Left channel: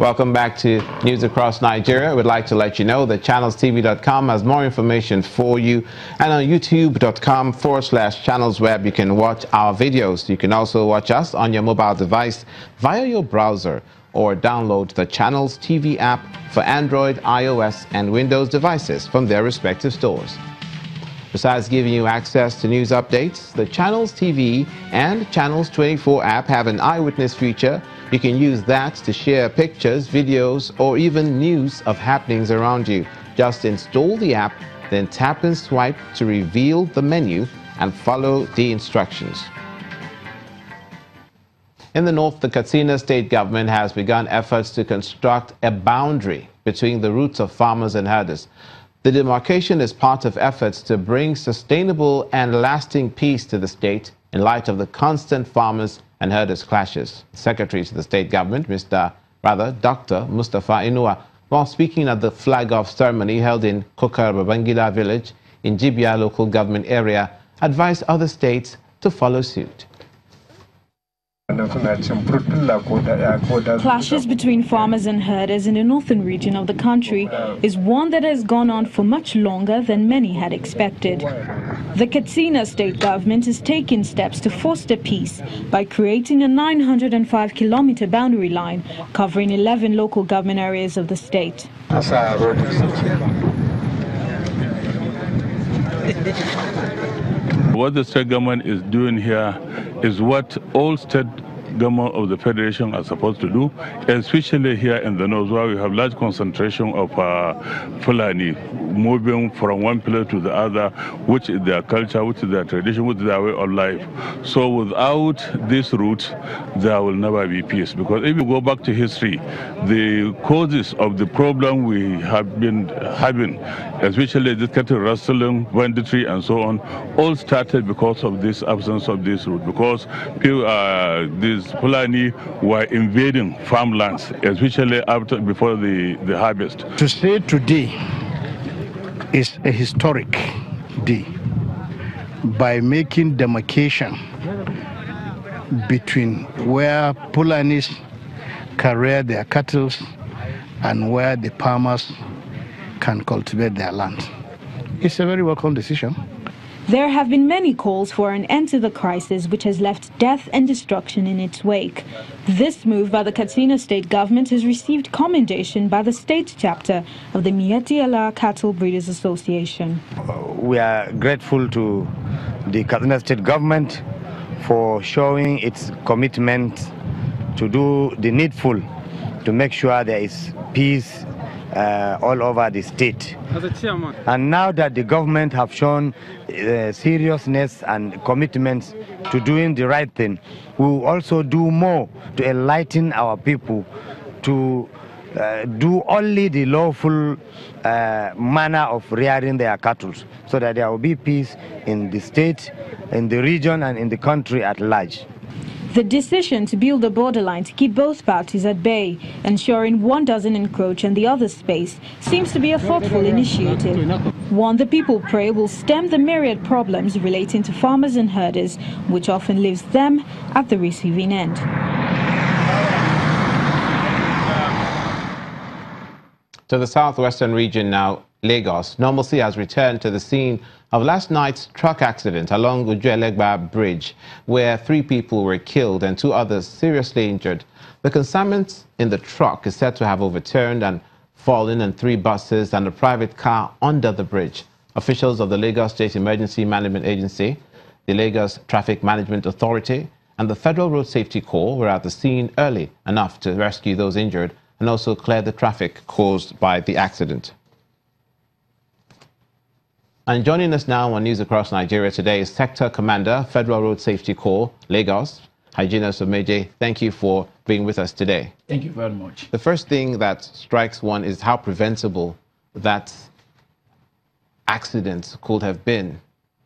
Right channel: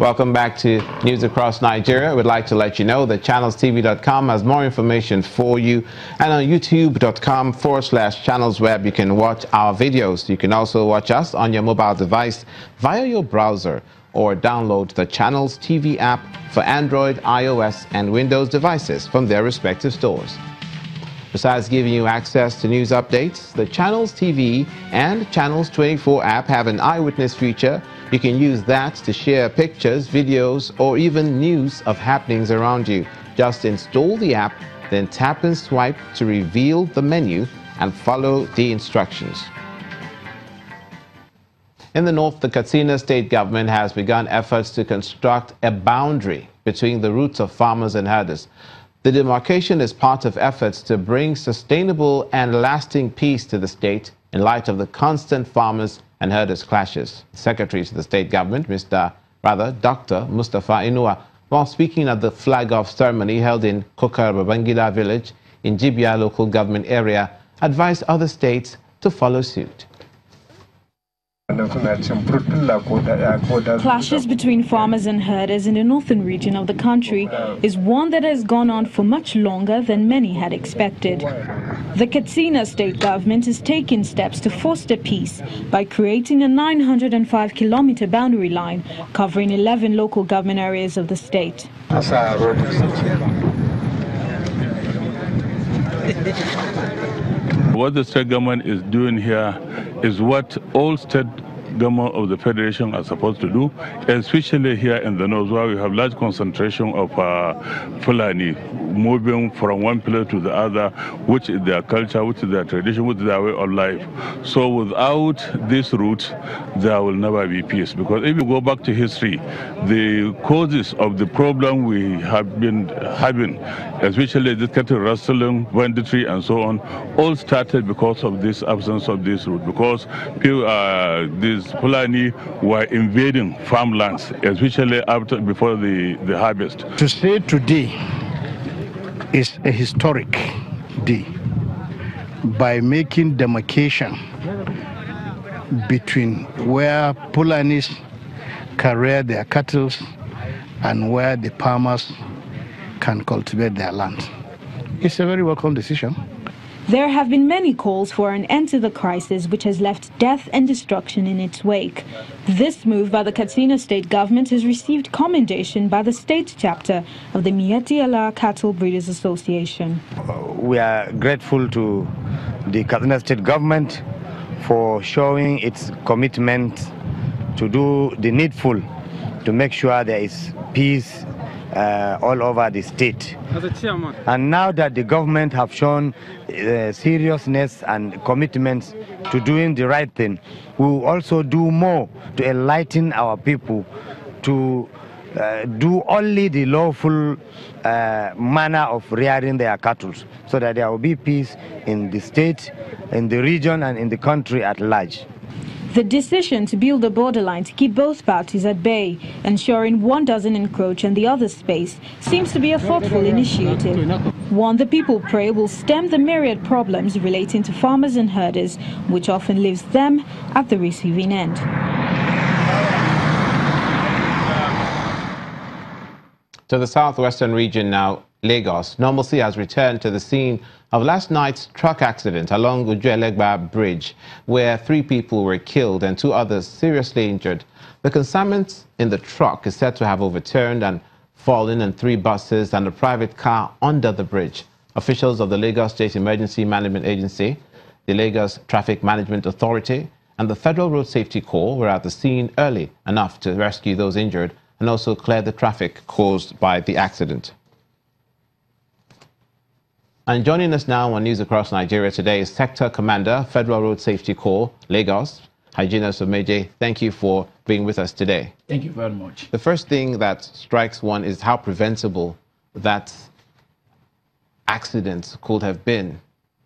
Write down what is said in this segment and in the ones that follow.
Welcome back to News Across Nigeria. We'd like to let you know that channelstv.com has more information for you, and on youtube.com/channelsweb you can watch our videos. You can also watch us on your mobile device via your browser or download the Channels TV app for Android, iOS and Windows devices from their respective stores. Besides giving you access to news updates, the Channels TV and Channels 24 app have an eyewitness feature. You can use that to share pictures, videos, or even news of happenings around you. Just install the app, then tap and swipe to reveal the menu and follow the instructions. In the north, the Katsina state government has begun efforts to construct a boundary between the routes of farmers and herders. The demarcation is part of efforts to bring sustainable and lasting peace to the state in light of the constant farmers and herders clashes. Secretary to the state government, Dr. Mustafa Inua, while speaking at the flag-off ceremony held in Kokar Babangida village in Jibia local government area, advised other states to follow suit. Clashes between farmers and herders in the northern region of the country is one that has gone on for much longer than many had expected. The Katsina state government is taking steps to foster peace by creating a 905-kilometer boundary line covering 11 local government areas of the state. What the state government is doing here is what all state government of the federation are supposed to do, especially here in the north where we have large concentration of Fulani moving from one place to the other, which is their culture, which is their tradition, which is their way of life. So without this route, there will never be peace. Because if you go back to history, the causes of the problem we have been having, especially the cattle rustling, banditry, and so on, all started because of this absence of this route. Because these Fulani were invading farmlands, especially before the harvest. To say today is a historic day by making demarcation between where Fulanis can rear their cattle and where the farmers can cultivate their land. It's a very welcome decision. There have been many calls for an end to the crisis, which has left death and destruction in its wake. This move by the Katsina state government has received commendation by the state chapter of the Miyetti Allah Cattle Breeders Association. We are grateful to the Katsina state government for showing its commitment to do the needful to make sure there is peace all over the state. And now that the government have shown seriousness and commitments to doing the right thing, we will also do more to enlighten our people to do only the lawful manner of rearing their cattle, so that there will be peace in the state, in the region, and in the country at large. The decision to build a borderline to keep both parties at bay, ensuring one doesn't encroach on the other's space, seems to be a thoughtful initiative. One the people pray will stem the myriad problems relating to farmers and herders, which often leaves them at the receiving end. To the southwestern region now, Lagos. Normalcy has returned to the scene of last night's truck accident along Uju-Elegba Bridge, where 3 people were killed and 2 others seriously injured. The consignment in the truck is said to have overturned and fallen in 3 buses and a private car under the bridge. Officials of the Lagos State Emergency Management Agency, the Lagos Traffic Management Authority, and the Federal Road Safety Corps were at the scene early enough to rescue those injured and also clear the traffic caused by the accident. And joining us now on News Across Nigeria today is Sector Commander, Federal Road Safety Corps, Lagos, Hyginus Omeje. Thank you for being with us today. Thank you very much. The first thing that strikes one is how preventable that accident could have been.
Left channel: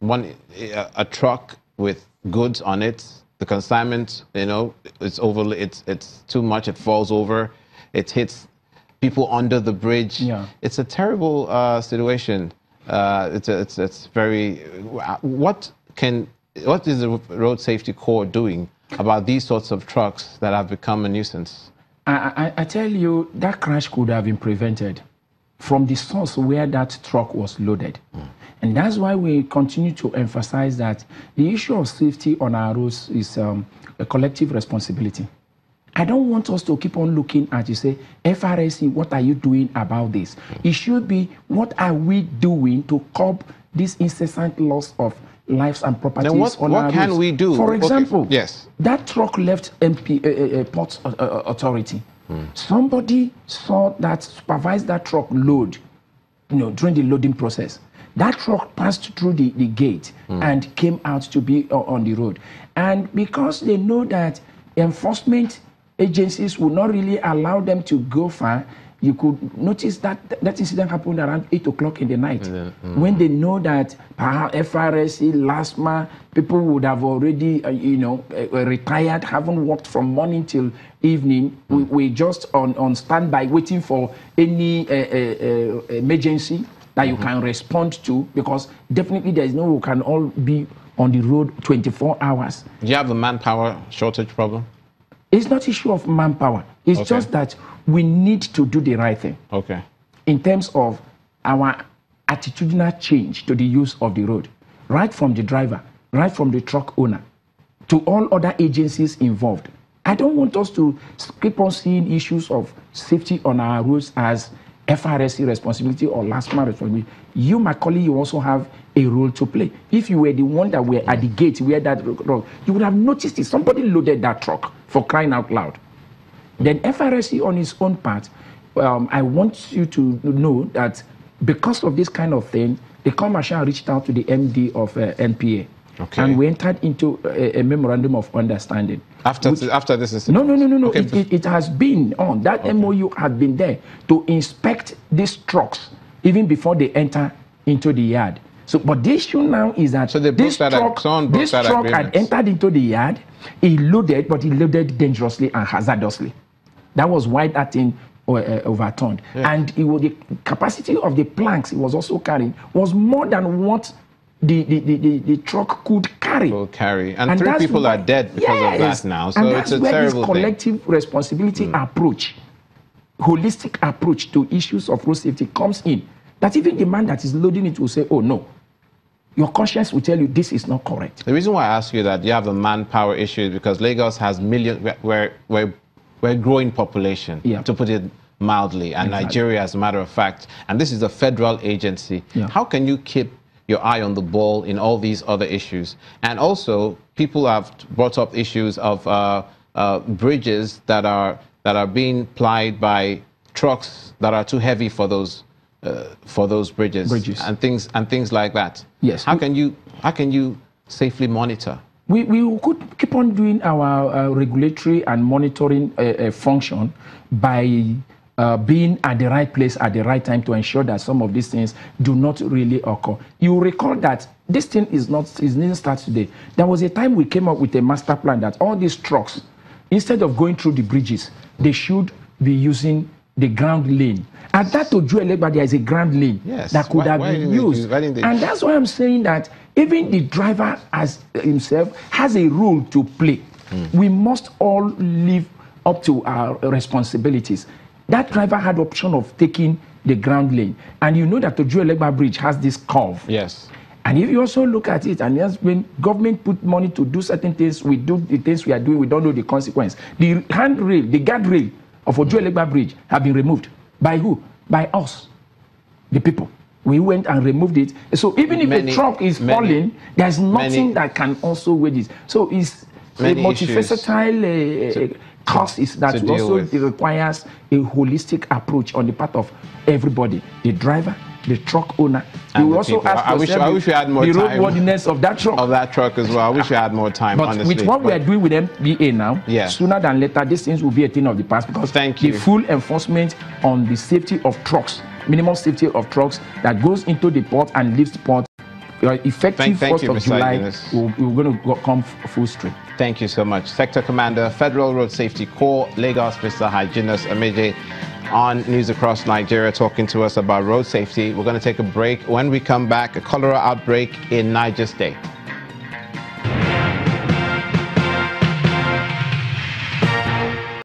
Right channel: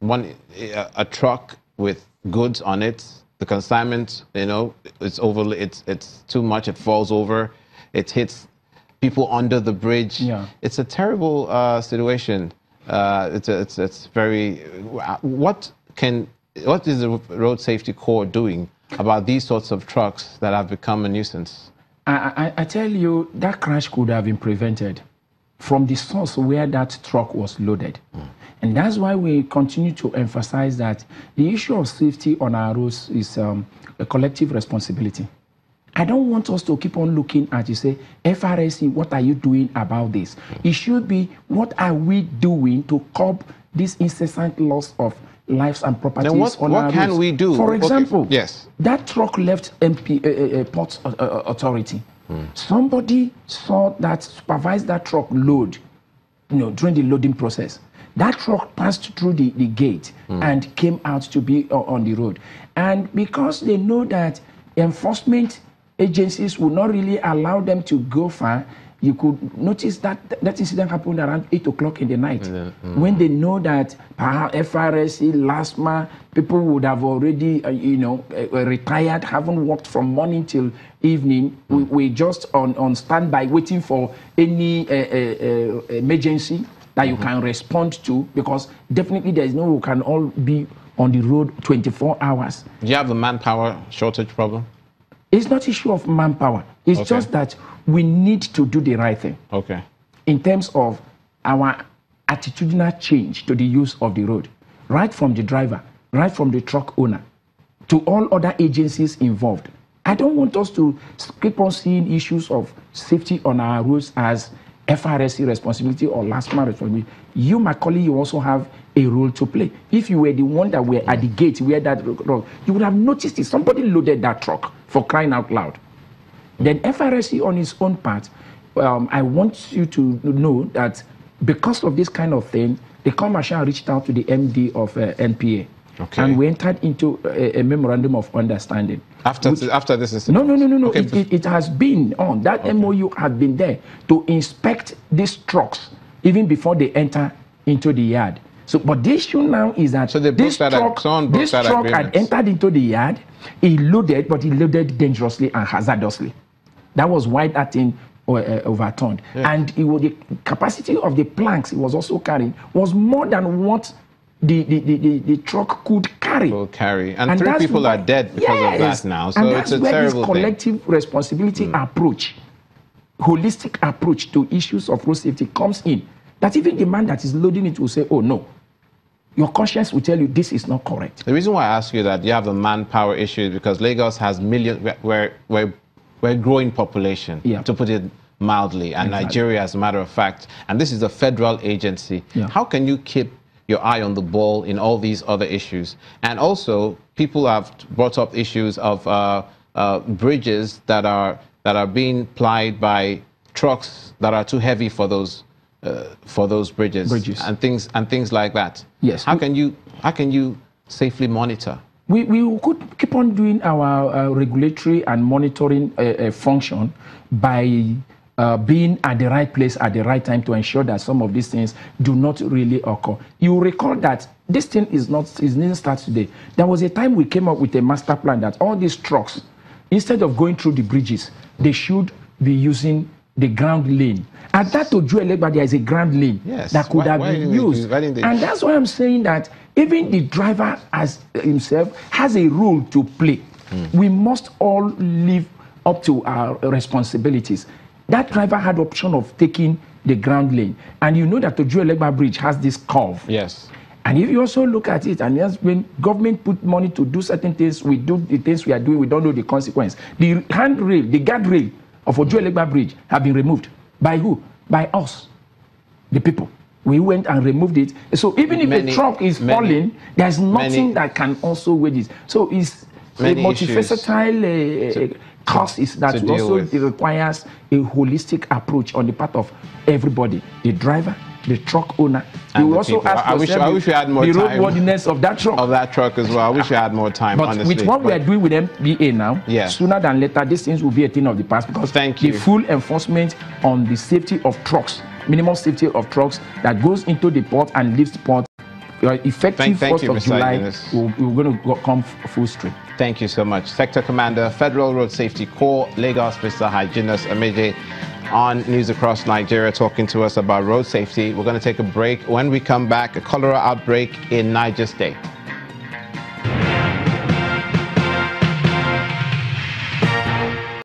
A truck with goods on it, the consignment, it's too much, it falls over, it hits people under the bridge. Yeah. It's a terrible situation. It's very. What is the Road Safety Corps doing about these sorts of trucks that have become a nuisance? I tell you, that crash could have been prevented from the source where that truck was loaded. And that's why we continue to emphasize that the issue of safety on our roads is a collective responsibility. I don't want us to keep on looking at, you say, FRSC, what are you doing about this? It should be, what are we doing to curb this incessant loss of lives and properties on our roads? What can we do? For example, yes, that truck left Port Authority. Somebody saw that, supervised that truck load, during the loading process. That truck passed through the gate and came out to be on the road. And because they know that enforcement agencies will not really allow them to go far, you could notice that that incident happened around 8 o'clock in the night. When they know that FRSC, LASMA, people would have already, retired, haven't worked from morning till evening. We're just on standby, waiting for any emergency that you can respond to, because definitely there is no, we can all be on the road 24 hours. Do you have the manpower shortage problem? It's not issue of manpower. It's just that we need to do the right thing. Okay. In terms of our attitudinal change to the use of the road, right from the driver, right from the truck owner, to all other agencies involved. I don't want us to keep on seeing issues of safety on our roads as FRSC responsibility or LASMA responsibility. You, my colleague, you also have a role to play. If you were the one that were at the gate where that truck, you would have noticed it. Somebody loaded that truck, for crying out loud. Then FRSC on its own part, I want you to know that because of this kind of thing, the commercial reached out to the MD of NPA. Okay. And we entered into a memorandum of understanding. After this is... No. Okay. It has been on. That MOU had been there to inspect these trucks even before they enter into the yard. So, but the issue now is that this truck had entered into the yard. He loaded, but he loaded dangerously and hazardously. That was why that thing overturned. Yeah. And the capacity of the planks it was also carrying was more than what the truck could carry. And 3 people are dead because of that now. So it's a terrible thing. And that's where this collective responsibility approach, holistic approach to issues of road safety comes in. That even the man that is loading it will say, oh no, your conscience will tell you this is not correct. The reason why I ask you that you have the manpower issue is because Lagos has millions, we're a growing population, to put it mildly, and Nigeria, as a matter of fact, and this is a federal agency. How can you keep your eye on the ball in all these other issues? And also, people have brought up issues of bridges that are being plied by trucks that are too heavy for those bridges and things like that. Yes. How can you safely monitor? We could keep on doing our regulatory and monitoring function by being at the right place at the right time to ensure that some of these things do not really occur. You recall that this thing didn't start today. There was a time we came up with a master plan that all these trucks, instead of going through the bridges, they should be using the ground lane. And that to Ojuelegba, there is a ground lane that could have been used. And that's why I'm saying that even the driver as himself has a role to play. We must all live up to our responsibilities. That driver had the option of taking the ground lane. And you know that the Ojuelegba Bridge has this curve. Yes. And if you also look at it, and when government put money to do certain things, we do the things we are doing, we don't know the consequence. The handrail, the guardrail of Ojuelegba Bridge have been removed. By who? By us, the people. We went and removed it. So even if the truck is falling, there's nothing that can also weigh this. So it's a multifaceted cause is that also requires a holistic approach on the part of everybody, the driver, the truck owner. And also ask I wish we had more time. The roadworthiness of that truck. Of that truck as well. I wish we had more time, but honestly. With what we are doing with MBA now, sooner than later, these things will be a thing of the past, because the full enforcement on the safety of trucks, minimum safety of trucks that goes into the port and leaves the port, effective 1st of July, we're going to come full stream. Thank you so much. Sector Commander, Federal Road Safety Corps, Lagos, Mr. Hyginus Ameje, on News Across Nigeria, talking to us about road safety. We're going to take a break. When we come back, a cholera outbreak in Niger State.